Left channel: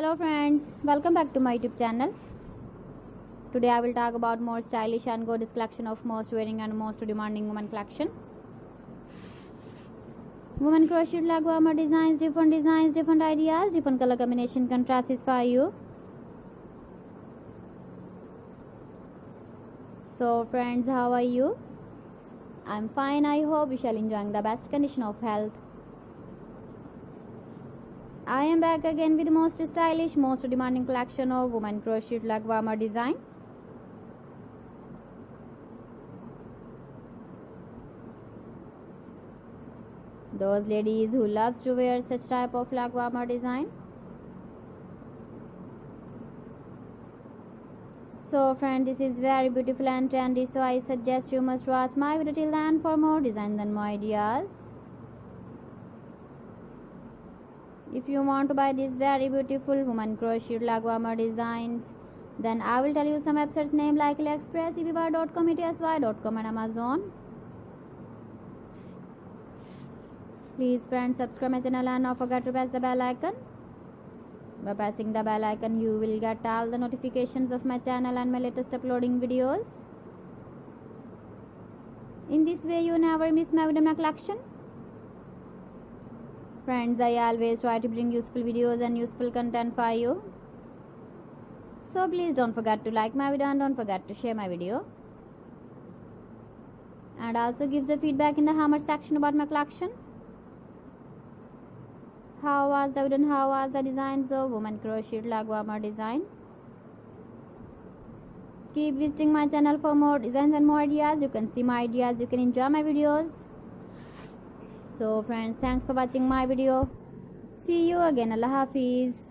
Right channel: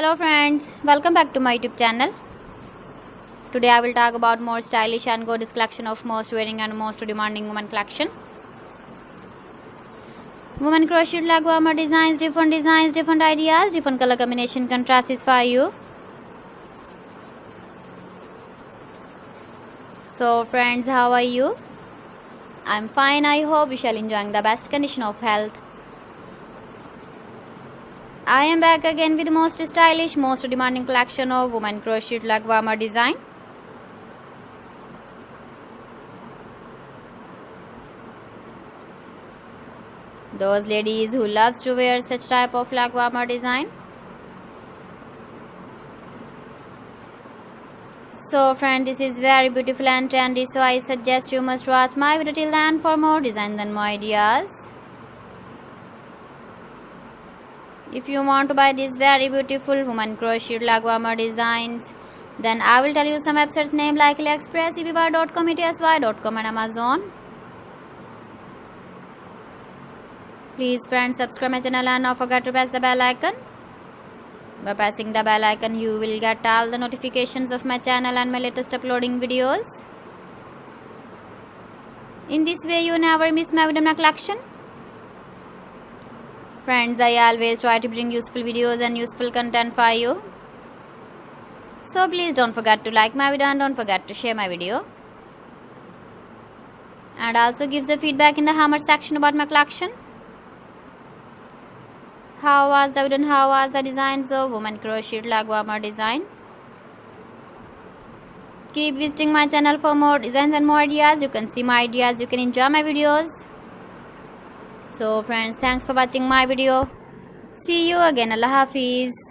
Hello friends, welcome back to my YouTube channel. Today I will talk about more stylish and gorgeous collection of most wearing and most demanding women collection. Women crochet leg warmer designs, different ideas, different color combination contrasts for you. So friends, how are you? I'm fine. I hope you shall enjoying the best condition of health. I am back again with the most stylish, most demanding collection of women crochet leg warmer design. Those ladies who loves to wear such type of leg warmer design. So friend, this is very beautiful and trendy, so I suggest you must watch my video till the end for more designs and more ideas. If you want to buy these very beautiful woman crochet leg warmer designs, then I will tell you some websites name like AliExpress, eBay.com, ETSY.com and Amazon. Please friends, subscribe my channel and don't forget to press the bell icon. By pressing the bell icon, you will get all the notifications of my channel and my latest uploading videos. In this way, you never miss my video collection. Friends, I always try to bring useful videos and useful content for you. So please don't forget to like my video and don't forget to share my video. And also give the feedback in the comment section about my collection. How was the video and how was the designs of woman crochet leg warmer design? Keep visiting my channel for more designs and more ideas. You can see my ideas, you can enjoy my videos. So friends, thanks for watching my video. See you again. Allah Hafiz.